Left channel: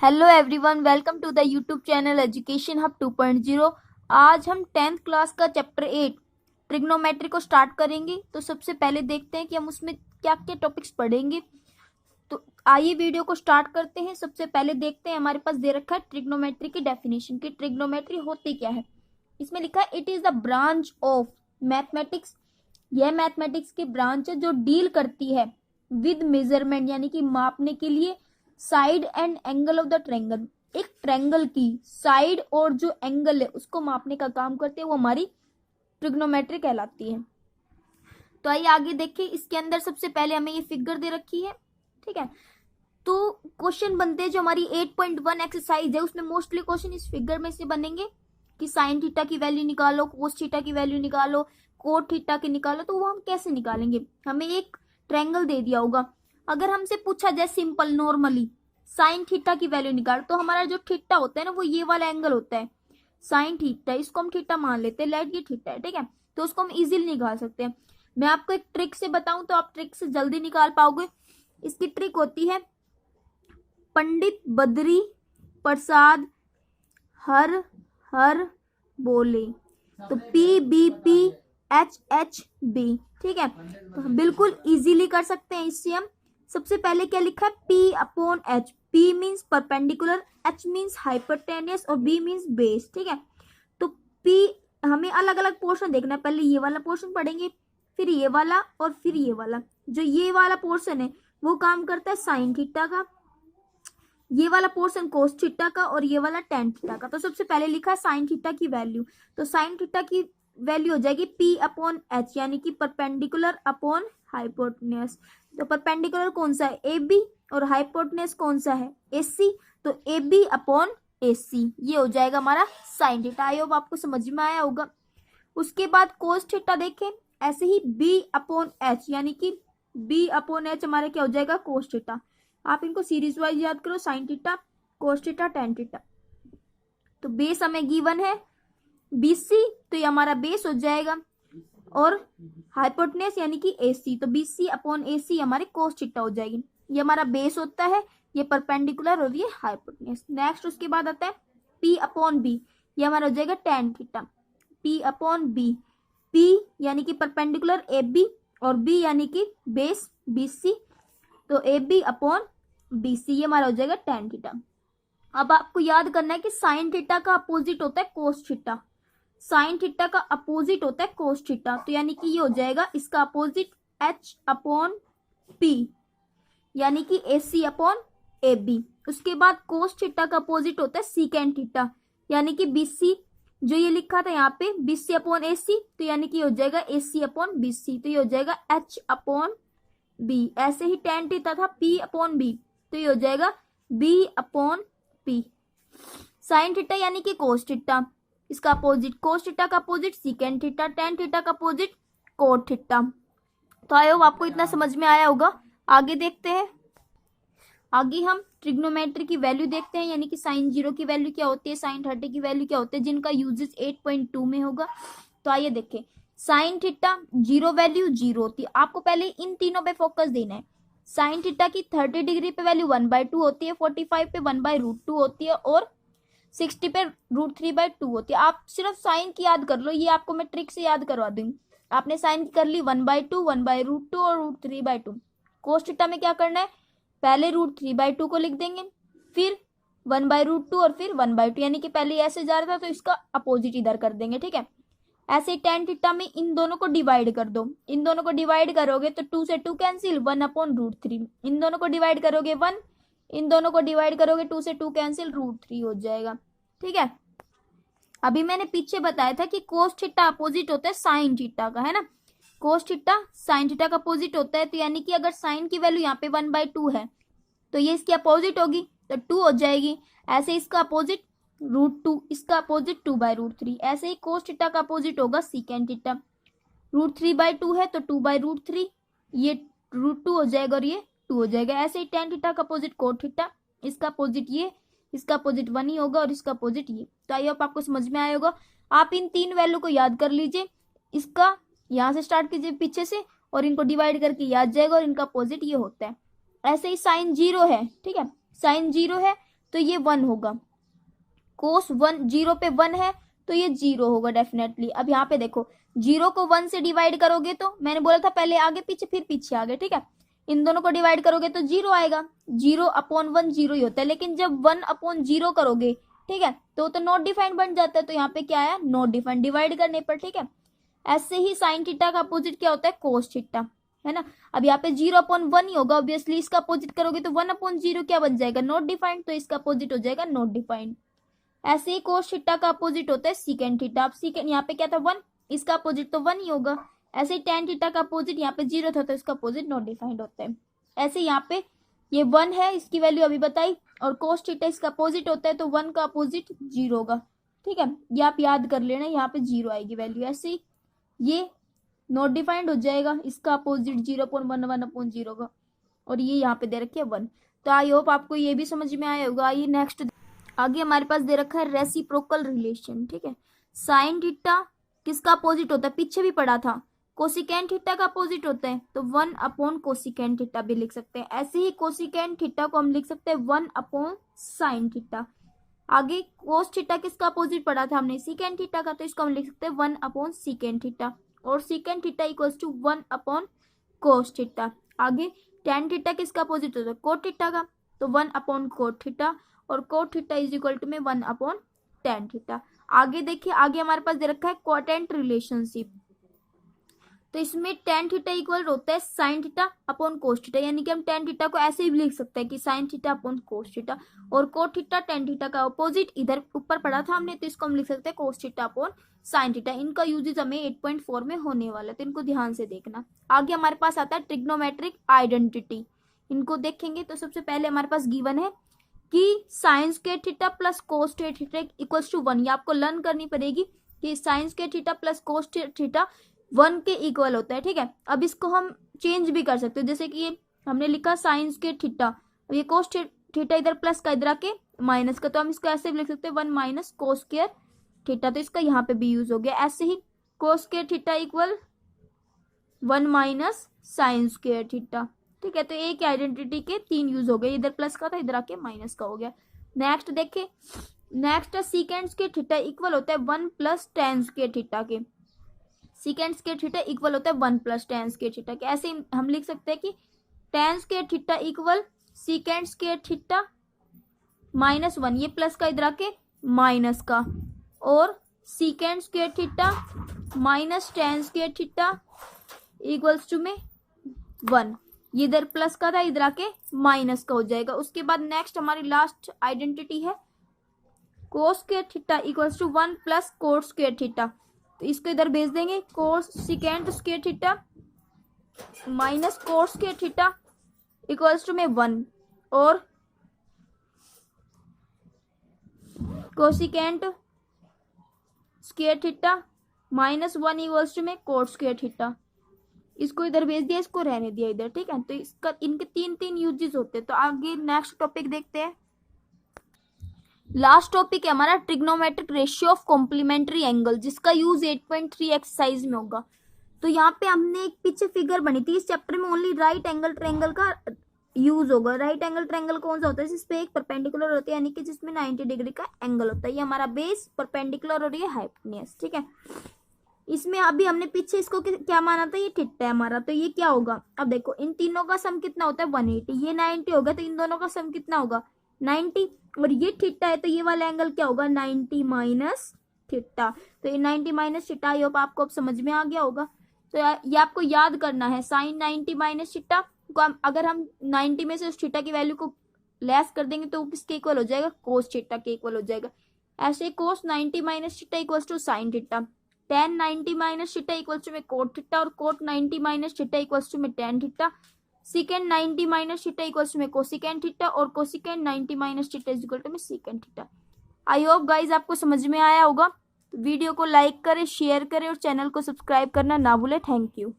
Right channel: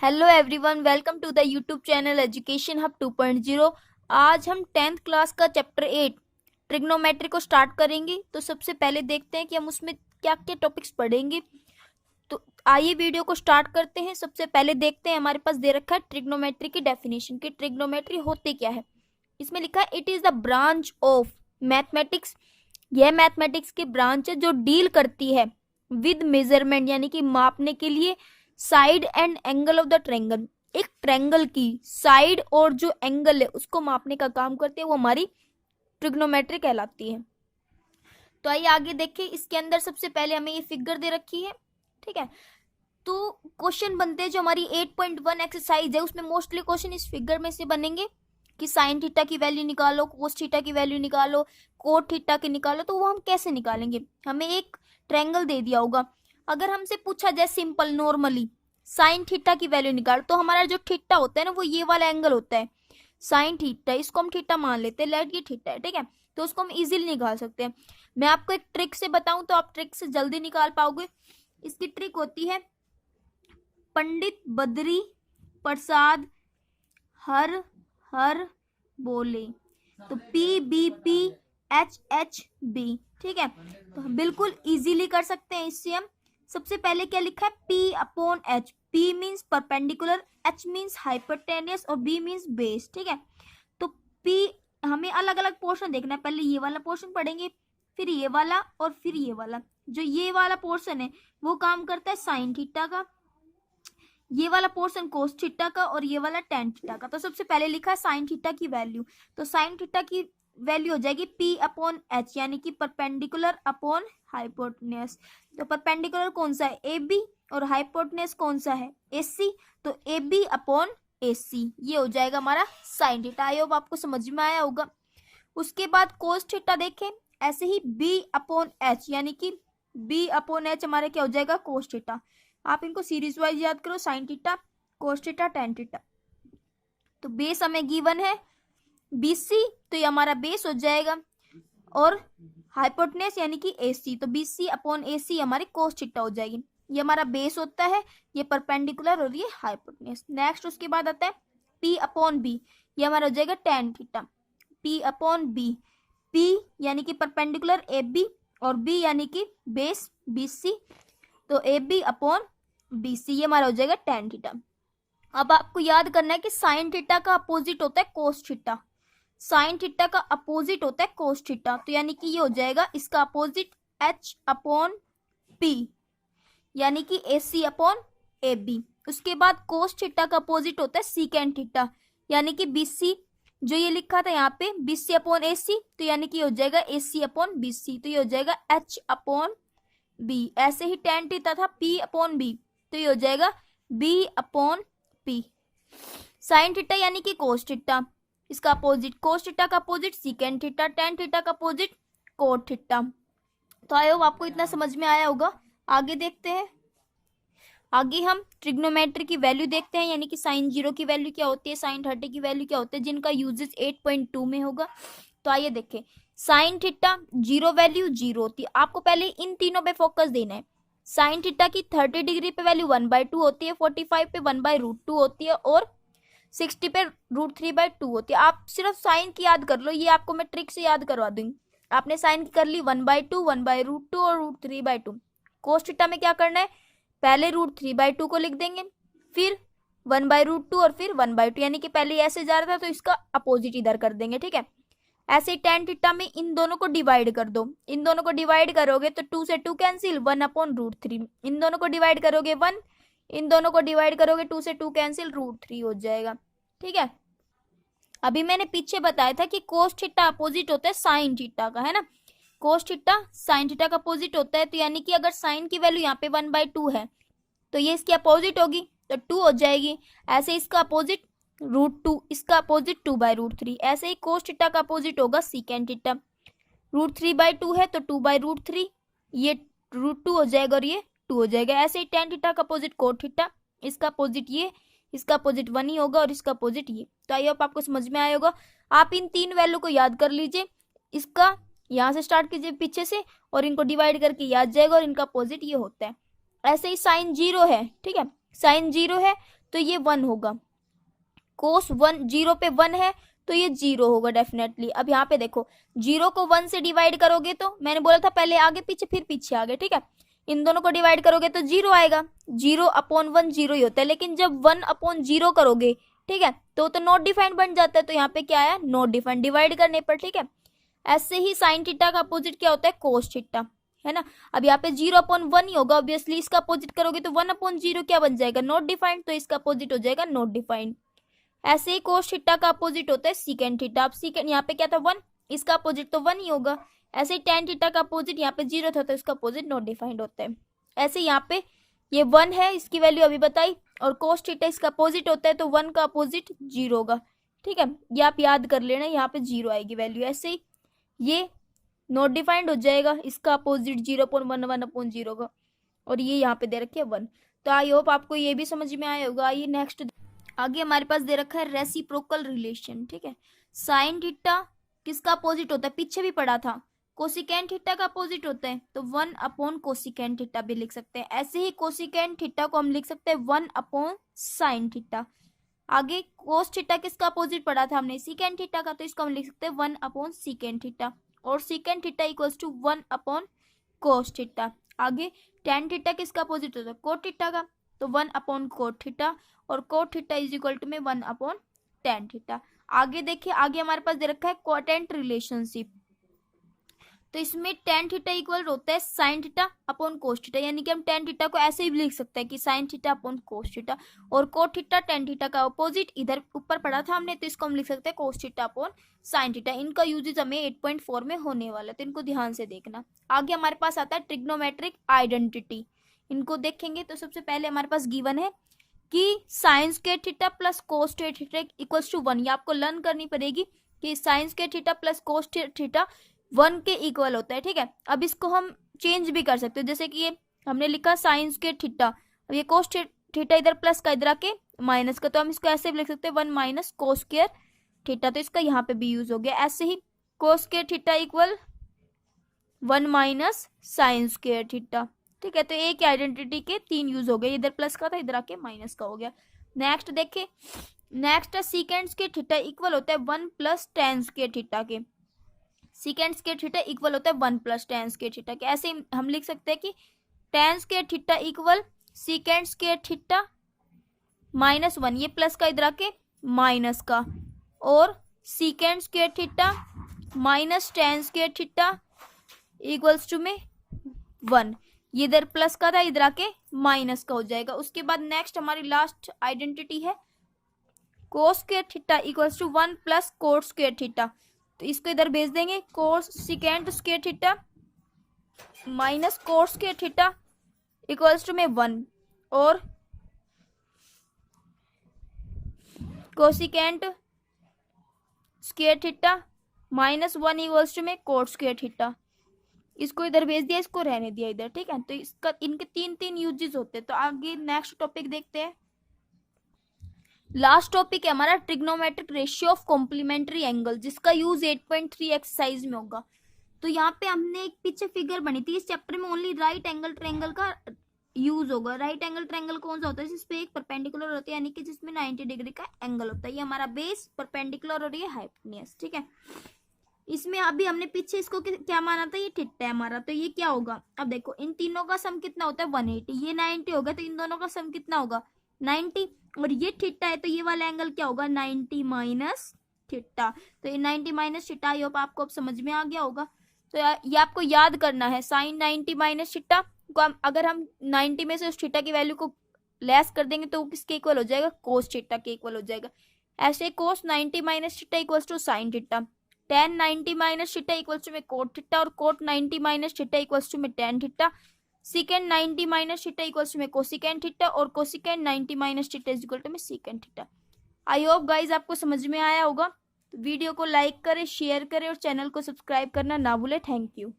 Hello everyone, welcome to the YouTube channel education hub 2.0। आज हम 10th class का chapter 8 trigonometry को start करेंगे। तो सबसे पहले देखते हैं कि हम उसमें क्या क्या टॉपिक्स पढ़ेंगे। तो आइए वीडियो को स्टार्ट करते हैं। सबसे पहले देखते हैं, हमारे पास दे रखा है ट्रिग्नोमेट्री की डेफिनेशन कि ट्रिग्नोमेट्री होती क्या है। इसमें लिखा है it is the branch of mathematics. यह मैथमेटिक्स की ब्रांच है जो डील करती है विद मेजरमेंट यानी कि मापने के लिए side and angle of the triangle. एक ट्रायंगल की साइड और जो एंगल है उसको मापने का काम करती है, वो हमारी ट्रिग्नोमेट्री कहलाती है। तो आइए आगे देखिए। इसके अंदर सबसे पहले हमें ये फिगर दे रखी है, ठीक है। तो क्वेश्चन बनते हैं जो हमारी 8.1 एक्सरसाइज है, उसमें मोस्टली क्वेश्चन इस फिगर में से बनेंगे कि साइन थीटा की वैल्यू निकालो, कोस थीटा की वैल्यू निकालो, कोट थीटा की निकालो। तो वो हम कैसे निकालेंगे? हमें एक ट्रायंगल दे दिया होगा, अगर हमसे पूछा जाए सिंपल नॉर्मली साइन थीटा की वैल्यू निकाल, तो हमारा जो थीटा होता है ना वो ये वाला एंगल होता है साइन थीटा, इसको हम थीटा मान लेते हैं, लेट ये थीटा है, ठीक है। तो उसको हम इजीली निकाल सकते हैं। मैं आपको एक ट्रिक से बताऊं तो आप ट्रिक से जल्दी निकाल पाओगे। इसकी ट्रिक होती है पंडित बद्री प्रसाद हर हर बोले, तो PBPHHB, ठीक है। तो बिल्कुल इजीली कर सकते हैं इससे हम। सबसे पहले क्या लिखा है? P/H। P means perpendicular, H means hypotenuse और B मीन्स बेस, ठीक है। तो P हमें अलग अलग पोर्शन देखना है। पहले ये वाला पोर्शन पढ़ेंगे, फिर ये वाला और फिर ये वाला। जो ये वाला पोर्शन है वो काम करता है साइन थीटा का, ये वाला पोर्शन कोस थीटा का और ये वाला टेन थीटा का। तो सबसे पहले लिखा है साइन थीटा की वैल्यू, तो साइन थीटा की वैल्यू हो जाएगी P/H यानी कि परपेंडिकुलर अपॉन हाइपोटेन्यूज। तो परपेंडिकुलर कौन सा है? AB, और हाइपोटेन्यूज कौन सा है? AC। तो AB/AC ये हो जाएगा हमारा साइन थीटा। आई होप आपको समझ में आया होगा। उसके बाद कोस थीटा देखें, ऐसे ही B/H यानी कि B/H हमारा क्या हो जाएगा? Cos theta. आप इनको सीरीज वाइज याद करो, sine theta, cos theta, tan theta. तो बेस हमें गिवन है BC, तो ये हमारा बेस हो जाएगा, और हाइपोटेन्यूज यानी कि AC, तो BC/AC हमारी कोस थीटा हो जाएगी। ये हमारा बेस होता है, ये परपेंडिकुलर और ये हाइपोटेन्यूज। नेक्स्ट उसके बाद आता है P/B, ये हमारा हो जाएगा टेन थीटा। P/B, P यानी कि परपेंडिकुलर AB और B यानी कि बेस BC, तो AB/BC ये हमारा हो जाएगा टेन थीटा। अब आपको याद करना है कि साइन थीटा का अपोजिट होता है कोस थीटा। साइन थीटा का अपोजिट होता है कोस थीटा, तो यानी कि ये हो जाएगा इसका अपोजिट H/P यानी कि AC/AB। उसके बाद कोस थीटा का अपोजिट होता है सीकेंट थीटा यानी कि BC, जो ये लिखा था यहाँ पे BC/AC, तो यानी कि हो जाएगा AC/BC, तो ये हो जाएगा H/B। ऐसे ही टेन थीटा था P/B, तो ये हो जाएगा B/P। साइन थीटा यानी कि कोस थीटा, इसका अपोजिट कोस थीटा का opposite secant theta, tan theta का अपोजिट कोट थीटा। तो आई होप आपको इतना समझ में आया होगा। आगे देखते हैं। आगे हम ट्रिग्नोमेट्री की वैल्यू देखते हैं, यानी कि साइन 0 की वैल्यू क्या होती है, साइन 30 की वैल्यू क्या होती है, जिनका यूजेस 8.2 में होगा। तो आइए देखें। साइन थीटा 0 वैल्यू 0 होती है, आपको पहले इन तीनों पे फोकस देना है। साइन थीटा की 30 डिग्री पे वैल्यू 1/2 होती है, 45 पे 1/√2 होती है, और 60 पे √3/2 होती है। आप सिर्फ साइन की याद कर लो, ये आपको मैं ट्रिक से याद करवा दूंगी। आपने साइन कर ली 1/2, 1/√2 और √3/2। कोस थीटा में क्या करना है? पहले √3/2 को लिख देंगे, फिर 1/√2 और फिर 1/2, यानी कि पहले ऐसे जा रहा था तो इसका अपोजिट इधर कर देंगे, ठीक है। ऐसे ही टेन थीटा में इन दोनों को डिवाइड कर दो, इन दोनों को डिवाइड करोगे तो 2 से 2 कैंसिल, 1/√3। इन दोनों को डिवाइड करोगे 1, इन दोनों को डिवाइड करोगे 2 से 2 कैंसिल, √3 हो जाएगा, ठीक है। अभी मैंने पीछे बताया था कि कोस थीटा अपोजिट होता है साइन थीटा का, है ना। कोस थीटा साइन थीटा का अपोजिट होता है, तो यानी कि अगर साइन की वैल्यू यहाँ पे 1/2 है तो ये इसकी अपोजिट होगी, तो 2 हो जाएगी। ऐसे इसका अपोजिट √2, इसका अपोजिट 2/√3। ऐसे ही कोस थीटा का अपोजिट होगा सीकेंट थीटा, √3/2 है तो 2/√3, ये √2 हो जाएगा और ये 2 हो जाएगा। ऐसे ही टेन थीटा का अपोजिट कोट थीटा, इसका अपोजिट ये, इसका अपोजिट 1 ही होगा और इसका अपोजिट ये। तो आई होप आपको समझ में आया होगा। आप इन तीन वैल्यू को याद कर लीजिए, इसका यहाँ से स्टार्ट कीजिए पीछे से, और इनको डिवाइड करके याद जाएगा, और इनका अपोजिट ये होता है। ऐसे ही साइन 0 है, ठीक है। साइन 0 है तो ये 1 होगा। कोस 1 0 पे 1 है तो ये 0 होगा डेफिनेटली। अब यहाँ पे देखो 0 को 1 से डिवाइड करोगे तो मैंने बोला था पहले आगे पीछे फिर पीछे आगे, ठीक है। इन दोनों को डिवाइड करोगे तो 0 आएगा। 0/1 0 ही होता है, लेकिन जब 1/0 करोगे, ठीक है, तो नॉट डिफाइंड बन जाता है। तो यहाँ पे क्या है, नॉट डिफाइंड डिवाइड करने पर, ठीक है। ऐसे ही साइन थीटा का अपोजिट क्या होता है, कोस थीटा, है ना। अब यहाँ पे 0/1 ही होगा ऑब्वियसली। इसका अपोजिट करोगे तो 1/0 क्या बन जाएगा, नॉट डिफाइंड, तो इसका अपोजिट हो जाएगा नॉट डिफाइंड। ऐसे ही कोस थीटा का अपोजिट होता है सीकेंड थीटा। अब सीकेंड यहाँ पे क्या था 1, इसका अपोजिट तो 1 ही होगा। ऐसे ही टेन थीटा का अपोजिट यहाँ पे 0 था तो इसका अपोजिट नॉट डिफाइंड होता है। ऐसे यहाँ पे ये 1 है, इसकी वैल्यू अभी बताई, और कोस थीटा इसका अपोजिट होता है तो 1 का अपोजिट 0 होगा, ठीक है। ये आप याद कर लेना, यहाँ पे 0 आएगी वैल्यू। ऐसे ही ये नॉट डिफाइंड हो जाएगा, इसका अपोजिट 0/1 होगा, और ये यहाँ पे दे रखे 1। तो आई होप आपको ये भी समझ में आया होगा। ये नेक्स्ट आगे हमारे पास दे रखा है रेसिप्रोकल रिलेशन, ठीक है। साइन थीटा किसका अपोजिट होता है, पीछे भी पढ़ा था, कोसिकेंट थीटा का अपोजिट होता है, तो 1/कोसिकेंट थीटा भी लिख सकते हैं। ऐसे ही कोसिकेंट थीटा को हम लिख सकते हैं 1/साइन थीटा। आगे कोस थीटा किसका अपोजिट पढ़ा था हमने, सीकेंट थीटा का, तो इसको हम लिख सकते हैं 1/सीकेंट थीटा, और सीकेंट थीटा इक्वल्स टू 1/कोस थीटा। आगे टेन थीटा किसका अपोजिट होता है, कोट थीटा का, तो 1/कोट थीटा, और cot theta is equal to में 1/टेन थीटा। आगे देखिए, आगे हमारे पास दे रखा है कोटेंट रिलेशनशिप, तो इसमें टेन थीटा इक्वल होता है sine theta upon cos theta, यानी कि हम टेन थीटा को ऐसे ही भी लिख सकते हैं कि sine theta upon cos theta, और कोट थीटा टेन थीटा का अपोजिट इधर ऊपर पढ़ा था हमने, तो इसको हम लिख सकते हैं cos theta upon sine theta. इनका यूजेज हमें 8.4 में होने वाला है, तो इनको ध्यान से देखना। आगे हमारे पास आता है ट्रिग्नोमेट्रिक आइडेंटिटी। इनको देखेंगे तो सबसे पहले हमारे पास गिवन है कि sine square theta plus cos square theta equals to 1। ये आपको लर्न करनी पड़ेगी कि sine square theta plus cos theta 1 के इक्वल होता है, ठीक है। अब इसको हम चेंज भी कर सकते हैं, जैसे कि ये हमने लिखा साइन स्क्वायर थीटा, अब ये कोस थीटा इधर प्लस का इधर आके माइनस का, तो हम इसको ऐसे भी लिख सकते हैं 1 - कोस स्क्वायर थीटा, तो इसका यहाँ पे भी यूज हो गया। ऐसे ही cos square theta equal 1 - sine square theta, ठीक है। तो एक आइडेंटिटी के 3 यूज हो गए, इधर प्लस का था इधर आके माइनस का हो गया। नेक्स्ट देखिए, नेक्स्ट है सीकेंड स्क्वायर थीटा इक्वल होता है 1 + टेन स्क्वायर थीटा के। सीकेंड स्क्वायर थीटा इक्वल होता है 1 + टेन स्क्वायर थीटा के। ऐसे हम लिख सकते हैं कि tan square theta equal secant square theta -1, ये प्लस का इधर आके माइनस का, और secant square theta - tan square theta equals to में 1, ये इधर प्लस का था इधर आके माइनस का हो जाएगा। उसके बाद नेक्स्ट हमारी लास्ट आइडेंटिटी है cos square theta equals to 1 + cot square theta, तो इसको इधर भेज देंगे, cosecant square theta minus cot square theta equals to में 1, और cosecant square theta -1 equals to में कोट स्क्वायर थीटा। इसको इधर भेज दिया, इसको रहने दिया इधर, ठीक है। तो इसका इनके 3 यूजेस होते हैं। तो आगे नेक्स्ट टॉपिक देखते हैं। लास्ट टॉपिक है हमारा trigonometric ratio of complementary angle, जिसका यूज 8.3 एक्सरसाइज में होगा। तो यहाँ पे हमने एक पीछे फिगर बनी थी, इस चैप्टर में ओनली राइट एंगल ट्रायंगल का यूज होगा। राइट एंगल ट्रायंगल कौन सा होता है, जिसपे एक परपेंडिकुलर होता है, यानी कि जिसमें 90 डिग्री का एंगल होता है। ये हमारा बेस परपेंडिकुलर और ये हाइपोटेन्यूज, ठीक है। इसमें अभी हमने पीछे इसको क्या माना था, ये थीटा है हमारा, तो ये क्या होगा, अब देखो इन तीनों का सम कितना होता है 180, ये 90 होगा, तो इन दोनों का सम कितना होगा 90, और ये थीटा है तो ये वाला एंगल क्या होगा 90 माइनस थीटा। तो ये 90 माइनस थीटा, आई होप आपको अब समझ में आ गया होगा। तो ये आपको याद करना है, साइन 90 माइनस थीटा को अगर हम 90 में से उस थीटा की वैल्यू को लेस कर देंगे तो किसके इक्वल हो जाएगा, कोस थीटा के इक्वल हो जाएगा। ऐसे cos 90 minus theta equals to sine theta, tan 90 minus theta equals to में कोट थीटा, और cot 90 minus theta equals to में tan theta, secant 90 minus theta equals to में कोसिकेंड थीटा, और cosecant 90 minus theta is equal to में secant theta. I hope guys आपको समझ में आया होगा। वीडियो को लाइक करें, शेयर करें, और चैनल को सब्सक्राइब करना ना भूलें। Thank you.